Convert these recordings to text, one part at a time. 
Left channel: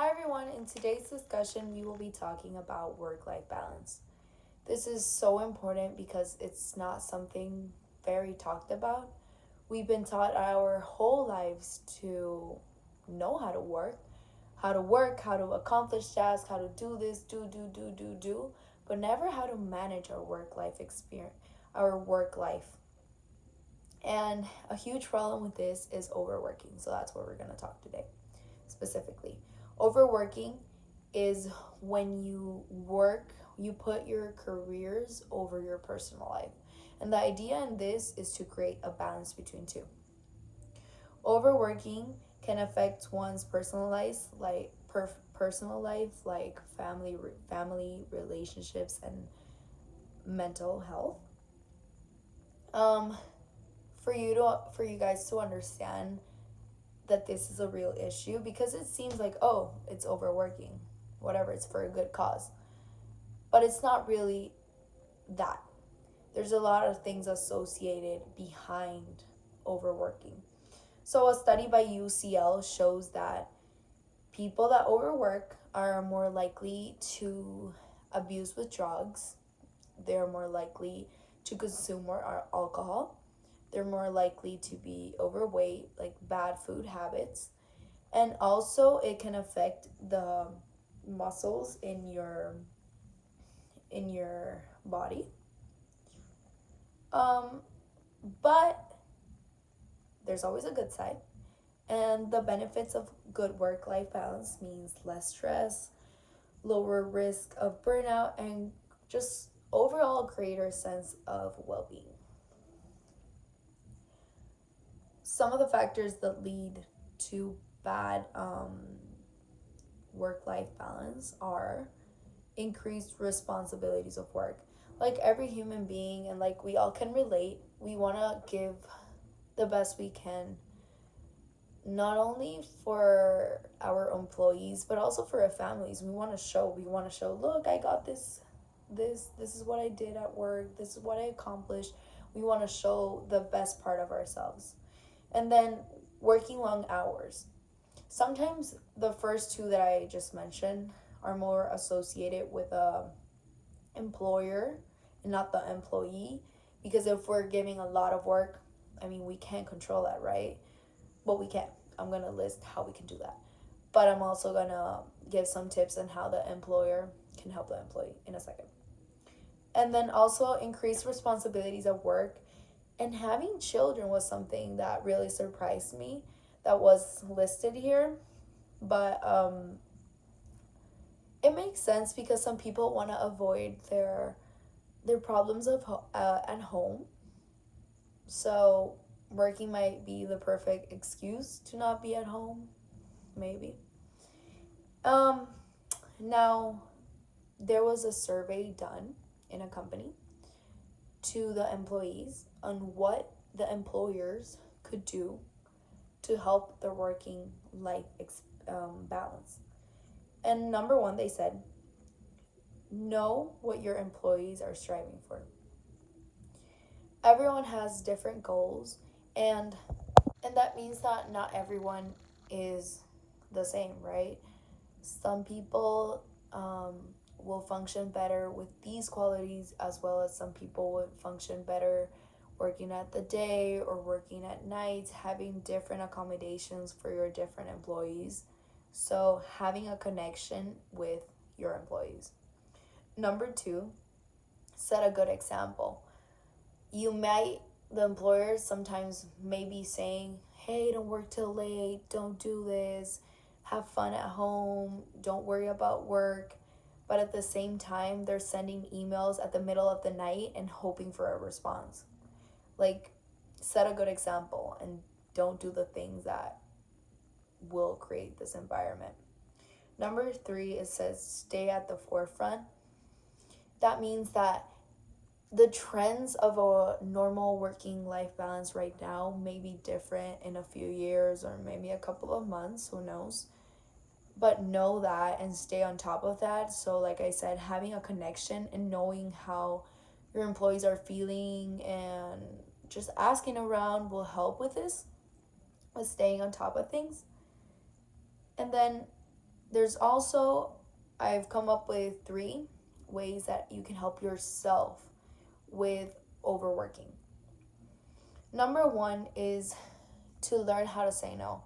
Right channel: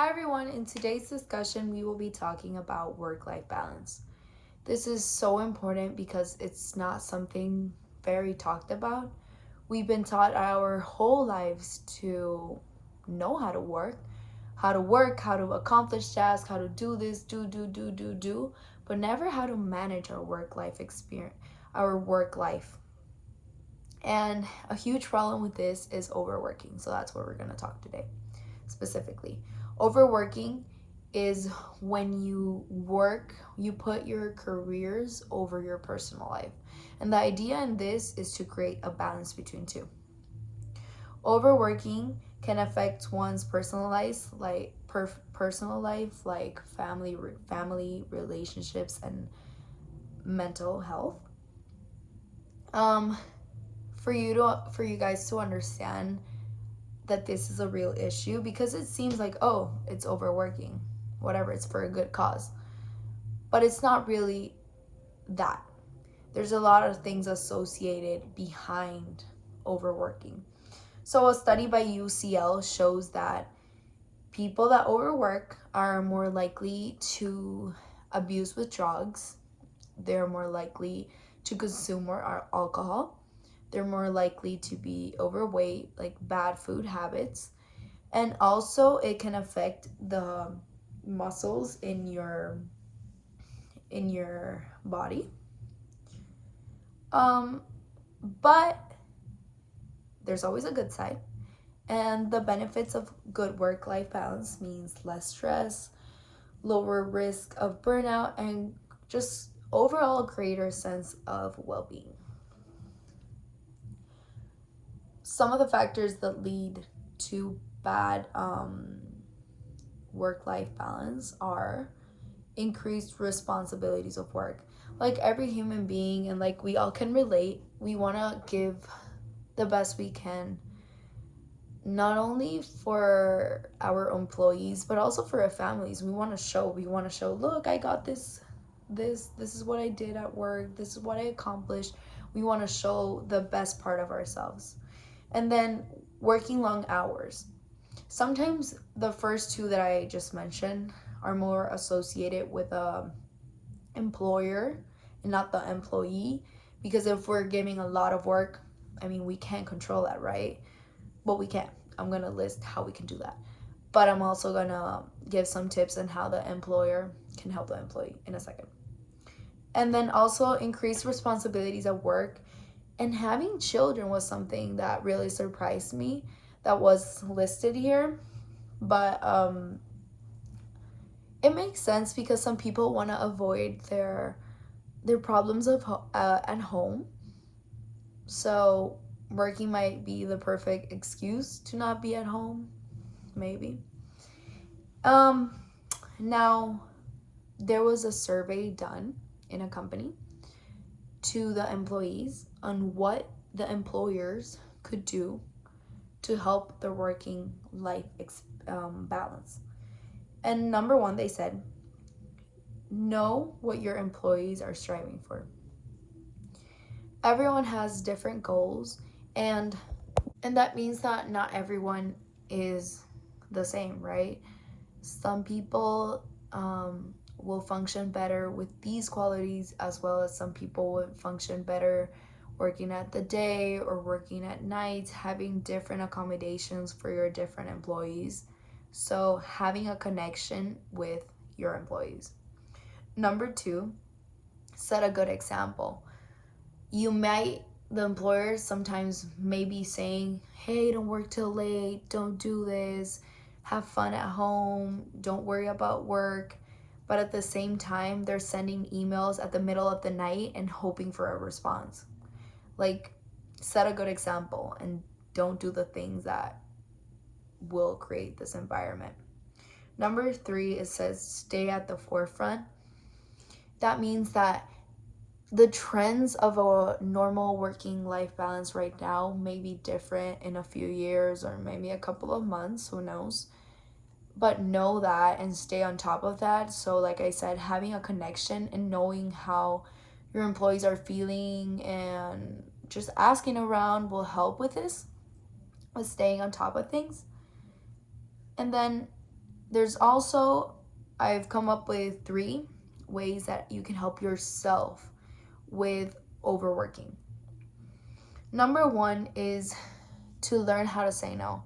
Hi everyone, in today's discussion we will be talking about work-life balance. This is so important because it's not something very talked about. We've been taught our whole lives to know how to accomplish tasks, how to do this, do, but never how to manage our work-life experience, our work life. And a huge problem with this is overworking. So that's what we're going to talk today specifically. Overworking is when you put your careers over your personal life. And the idea in this is to create a balance between two. Overworking can affect one's personal life, like family relationships and mental health. Um, for you guys to understand that this is a real issue, because it seems like, oh, it's overworking, whatever, it's for a good cause, but it's not really that. There's a lot of things associated behind overworking. So a study by UCL shows that people that overwork are more likely to abuse with drugs, they're more likely to consume more alcohol, they're more likely to be overweight, like bad food habits, and also it can affect the muscles in your body. um but there's always a good side, and the benefits of good work life balance means less stress, lower risk of burnout, and just overall greater sense of well-being. Some of the factors that lead to bad work-life balance are increased responsibilities of work. Like every human being, and like we all can relate, we want to give the best we can, not only for our employees but also for our families. We want to show, look, I got this is what I did at work, this is what I accomplished. We want to show the best part of ourselves. And then working long hours. Sometimes the first two that I just mentioned are more associated with a employer and not the employee, because if we're giving a lot of work, I mean, we can't control that, right? But we can. I'm going to list how we can do that, but I'm also going to give some tips on how the employer can help the employee in a second. And then also increased responsibilities at work, and having children was something that really surprised me that was listed here. But it makes sense because some people want to avoid their problems at home. So working might be the perfect excuse to not be at home, maybe. Um, Now, there was a survey done in a company to the employees on what the employers could do to help their working life balance. And number one, they said, know what your employees are striving for. Everyone has different goals, and that means that not everyone is the same, right? Some people will function better with these qualities, as well as some people would function better working at the day or working at night, having different accommodations for your different employees. So having a connection with your employees. Number two, set a good example. The employers sometimes may be saying, hey, don't work till late, don't do this, have fun at home, don't worry about work. But at the same time, they're sending emails at the middle of the night and hoping for a response. Like, set a good example and don't do the things that will create this environment. Number three, it says stay at the forefront. That means that the trends of a normal working life balance right now may be different in a few years or maybe a couple of months, who knows. But know that and stay on top of that. So like I said, having a connection and knowing how your employees are feeling and just asking around will help with this, with staying on top of things. And then There's also, I've come up with 3 ways that you can help yourself with overworking. Number 1 is to learn how to say no.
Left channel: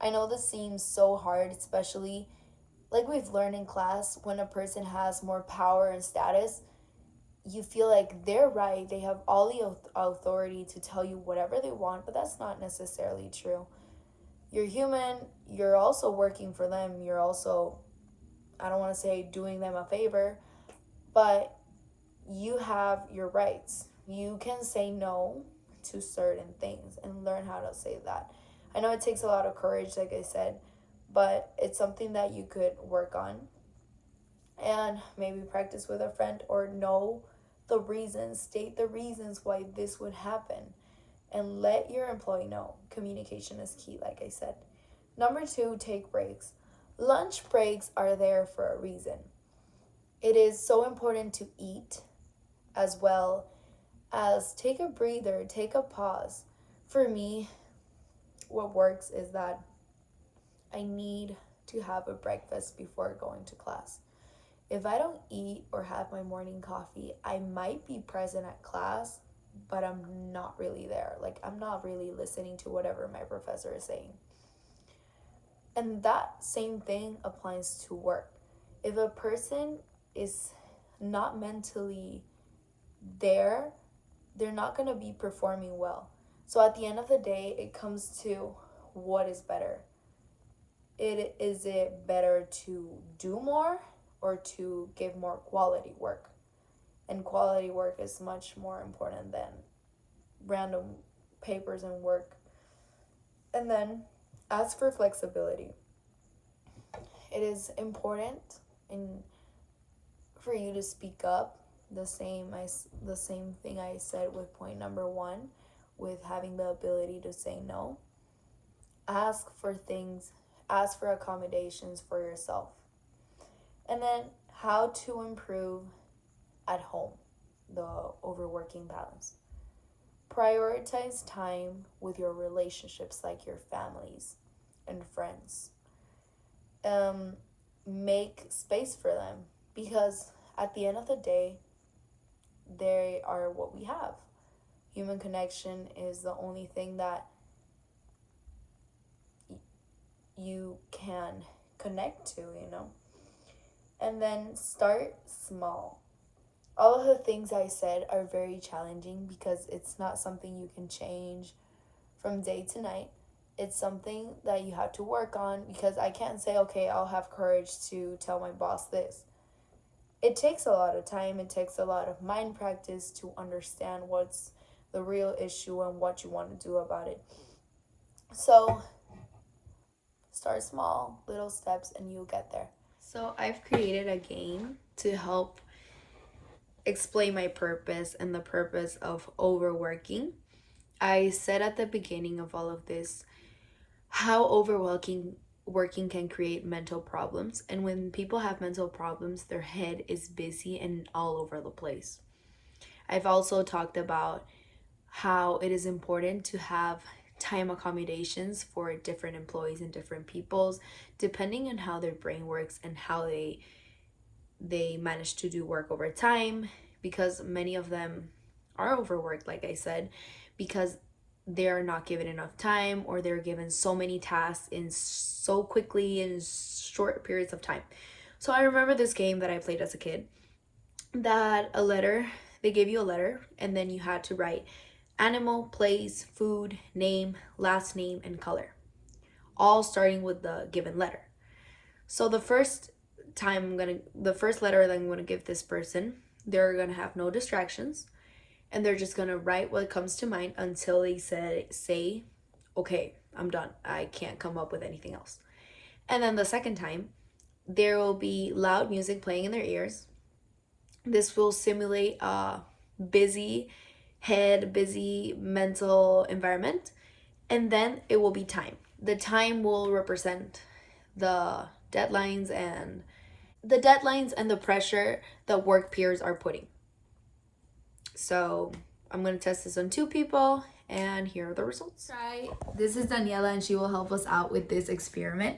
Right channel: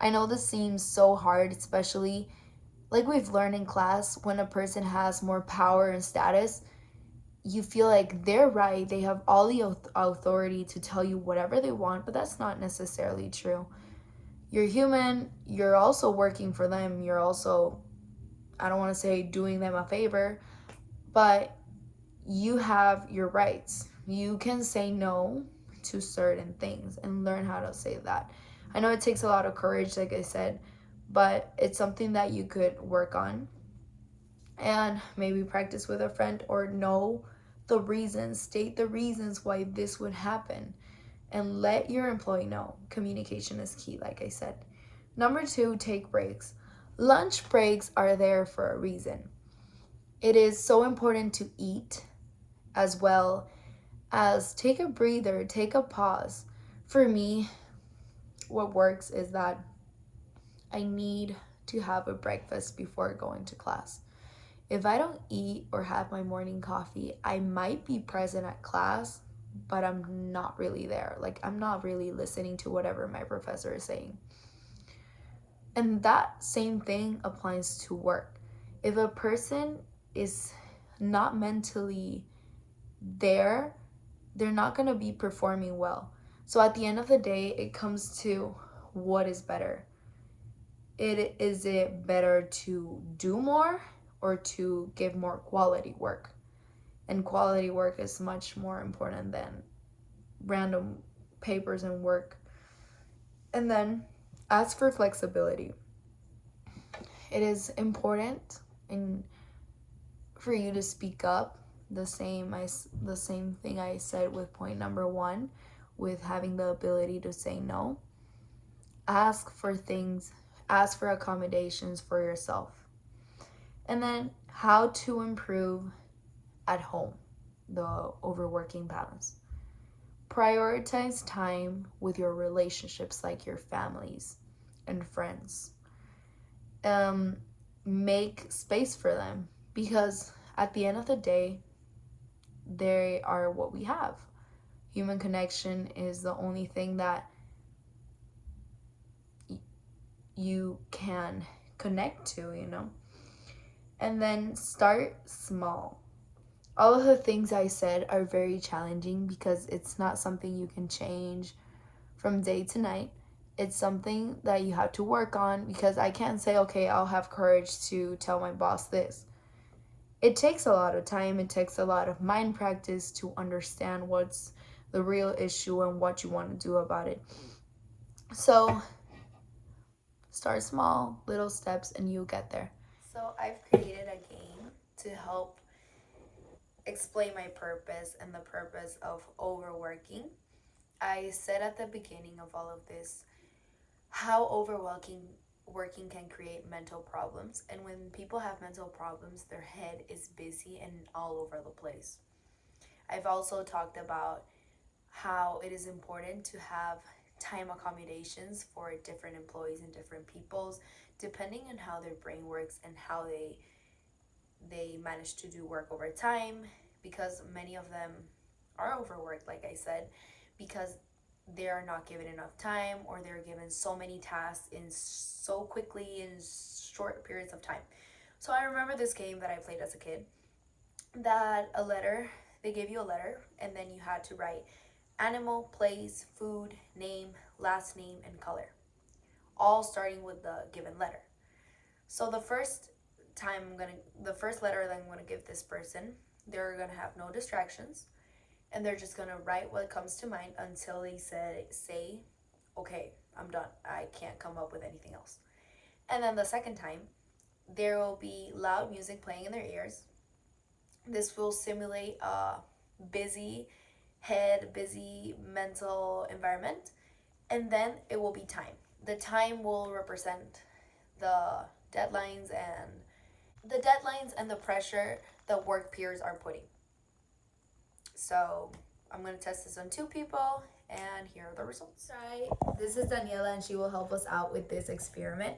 I know this seems so hard, especially like we've learned in class, when a person has more power and status, you feel like they're right. They have all the authority to tell you whatever they want, but that's not necessarily true. You're human, you're also working for them, you're also, I don't want to say doing them a favor, but you have your rights. You can say no to certain things and learn how to say that. I know it takes a lot of courage, like I said, but it's something that you could work on and maybe practice with a friend, or know the reasons, state the reasons why this would happen, and let your employee know. Communication is key, like I said. Number 2, take breaks. Lunch breaks are there for a reason. It is so important to eat, as well as take a breather, take a pause. For me, what works is that I need to have a breakfast before going to class. If I don't eat or have my morning coffee, I might be present at class, but I'm not really there. Like, I'm not really listening to whatever my professor is saying. And that same thing applies to work. If a person is not mentally there, they're not going to be performing well. So at the end of the day, it comes to what is better. Is it better to do more or to give more quality work? And quality work is much more important than random papers and work. And then, as for flexibility, it is important in for you to speak up. The same thing I said with point number 1, with having the ability to say no. Ask for things, ask for accommodations for yourself. And then, how to improve at home, the overworking balance. Prioritize time with your relationships, like your families and friends. Make space for them, because at the end of the day, they are what we have. Human connection is the only thing that you can connect to, And then start small. All of the things I said are very challenging because it's not something you can change from day to night. It's something that you have to work on, because I can't say, okay, I'll have courage to tell my boss this. It takes a lot of time, it takes a lot of mind practice to understand what's the real issue and what you want to do about it. So start small, little steps, and you'll get there. So I've created a game to help explain my purpose and the purpose of overworking. I said at the beginning of all of this how working can create mental problems. And when people have mental problems, their head is busy and all over the place. I've also talked about how it is important to have time accommodations for different employees and different peoples, depending on how their brain works and how they manage to do work over time, because many of them are overworked, like I said, because they are not given enough time, or they're given so many tasks in so quickly in short periods of time. So I remember this game that I played as a kid, that they gave you a letter, and then you had to write animal, place, food, name, last name, and color, all starting with the given letter. So the first letter that I'm gonna give this person, they're gonna have no distractions, and they're just gonna write what comes to mind until they say, okay, I'm done. I can't come up with anything else. And then the second time, there will be loud music playing in their ears. This will simulate a busy head, busy mental environment, and then it will be time. The time will represent the deadlines and the pressure that work peers are putting. So I'm going to test this on 2 people, and here are the results. This is Daniela, and she will help us out with this experiment.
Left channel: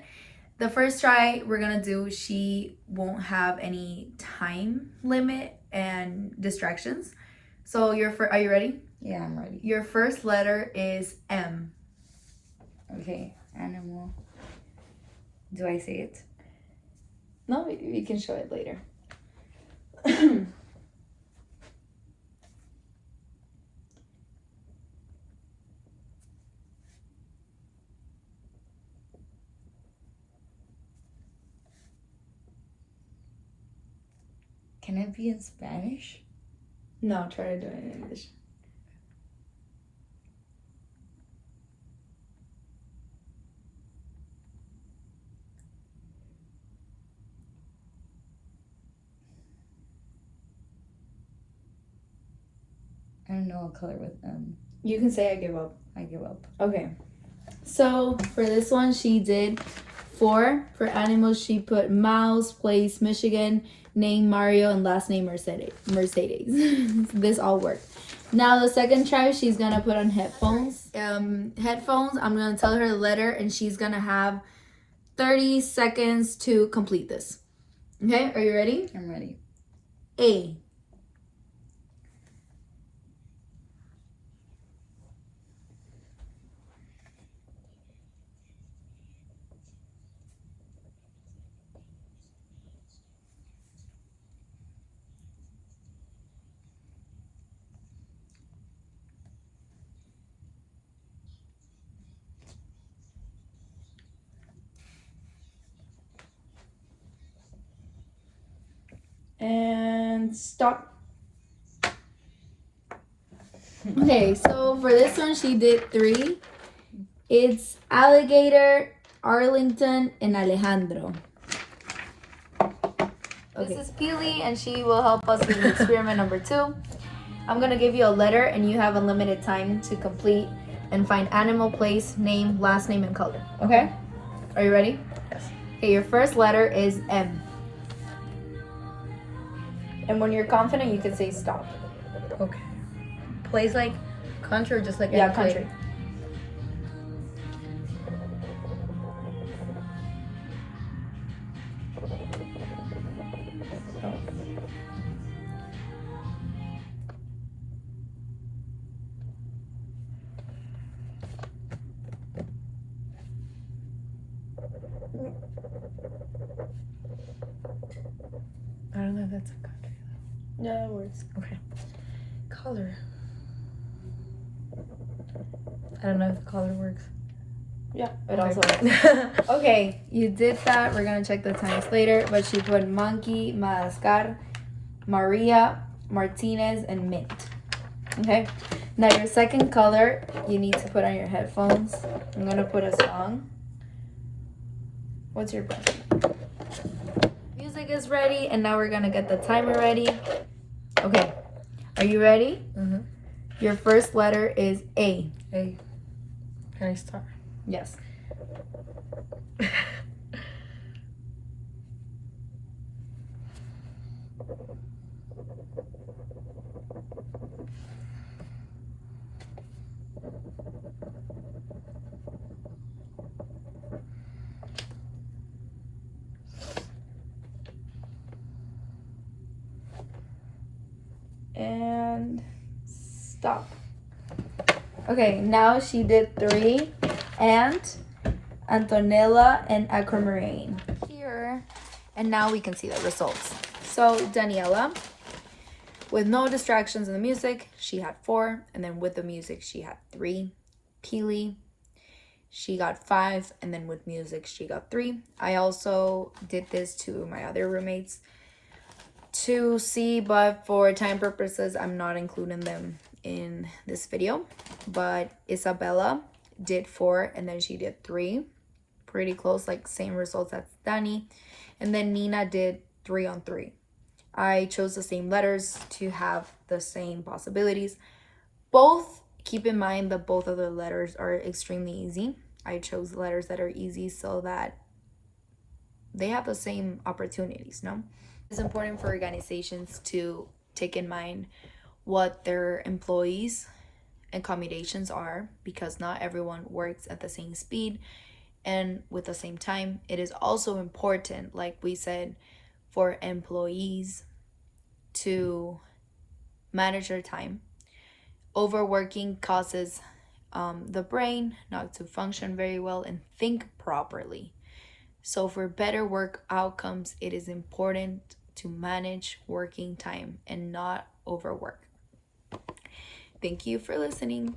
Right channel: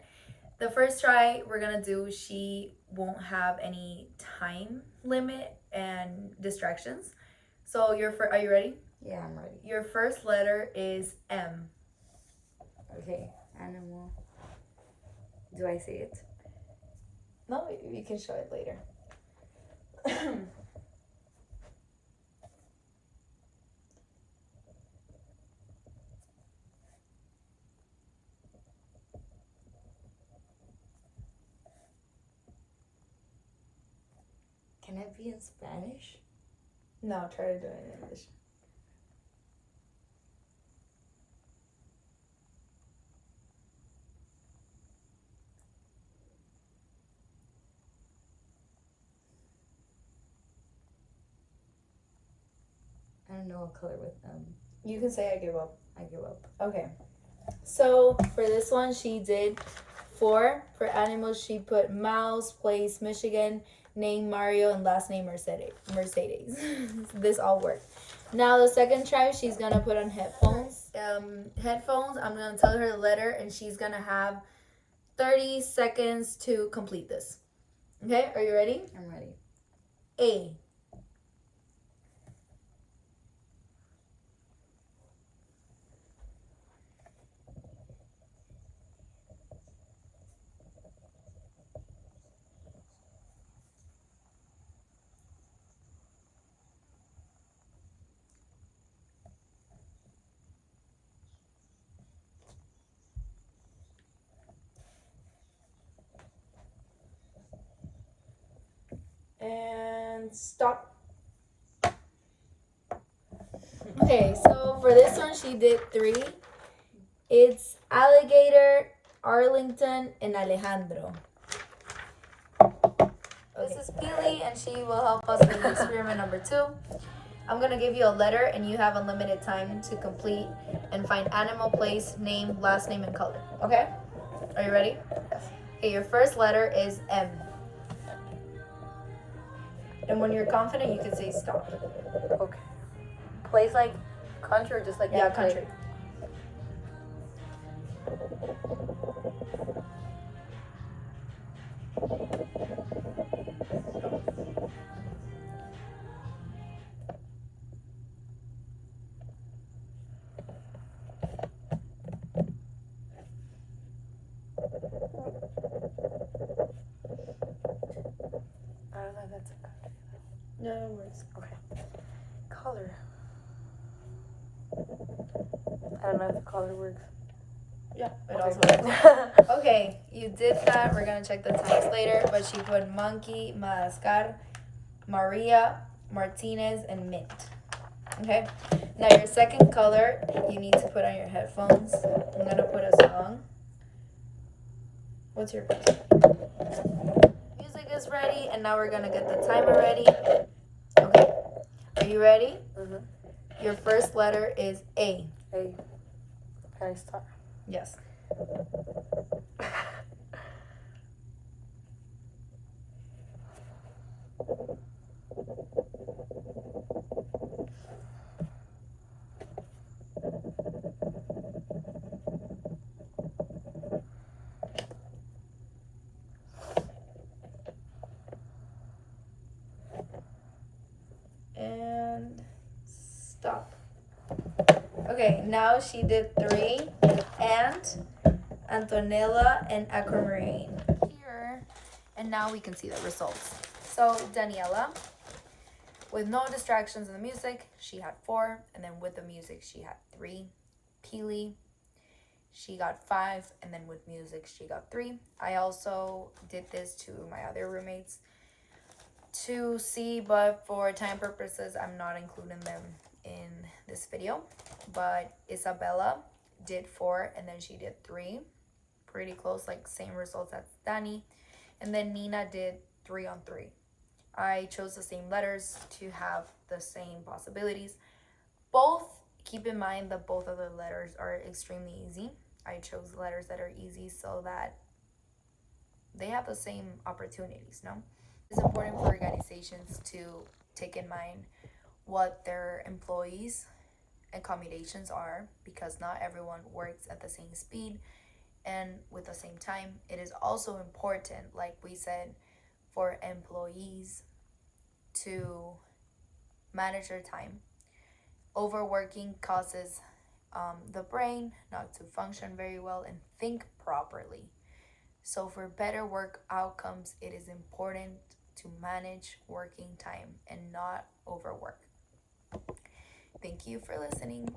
The first try we're gonna do, she won't have any time limit and distractions. So are you ready? Yeah, I'm ready. Your first letter is M. Okay, animal. Do I say it? No, we can show it later. Can it be in Spanish? No, try to do it in English. I don't know a color with You can say I give up. I give up. Okay. So for this one, she did 4. For animals, she put mouse, place Michigan, name Mario, and last name Mercedes. This all worked. Now the second try, she's gonna put on headphones. Headphones. I'm gonna tell her the letter, and she's gonna have 30 seconds to complete this. Okay, are you ready? I'm ready. A. And stop. Okay, so for this one, she did 3. It's Alligator, Arlington, and Alejandro. Okay. This is Peely, and she will help us with experiment number 2. I'm going to give you a letter, and you have unlimited time to complete and find animal, place, name, last name, and color. Okay? Are you ready? Yes. Okay, your first letter is M. And when you're confident, you can say stop. Okay. Place like country or just like Yeah, country. I don't know if that's a country though. No, that works. Okay. Color. I don't know if the color works. Yeah, it Okay. also works. Okay, you did that. We're gonna check the times later, but she put monkey, Madagascar, Maria, Martinez, and mint. Okay, now your second color, you need to put on your headphones. I'm gonna put a song. What's your button? Music is ready, and now we're gonna get the timer ready. Okay, are you ready? Mm-hmm. Your first letter is A. A. Can I start? Yes. And stop. Okay, now she did 3 and Antonella and Aquamarine here. And now we can see the results. So Daniela, with no distractions in the music, she had 4, and then with the music she had 3. Peely, she got 5, and then with music she got 3. I also did this to my other roommates to see, but for time purposes I'm not including them in this video. But Isabella did 4, and then she did 3, pretty close, like same results as Dani. And then Nina did 3 on 3. I chose the same letters to have the same possibilities. Both, keep in mind that both of the letters are extremely easy. I chose letters that are easy so that they have the same opportunities, no? It's important for organizations to take in mind what their employees' accommodations are, because not everyone works at the same speed, And with the same time, it is also important, like we said, for employees to manage their time. Overworking causes the brain not to function very well and think properly. So, for better work outcomes, it is important to manage working time and not overwork. Thank you for listening.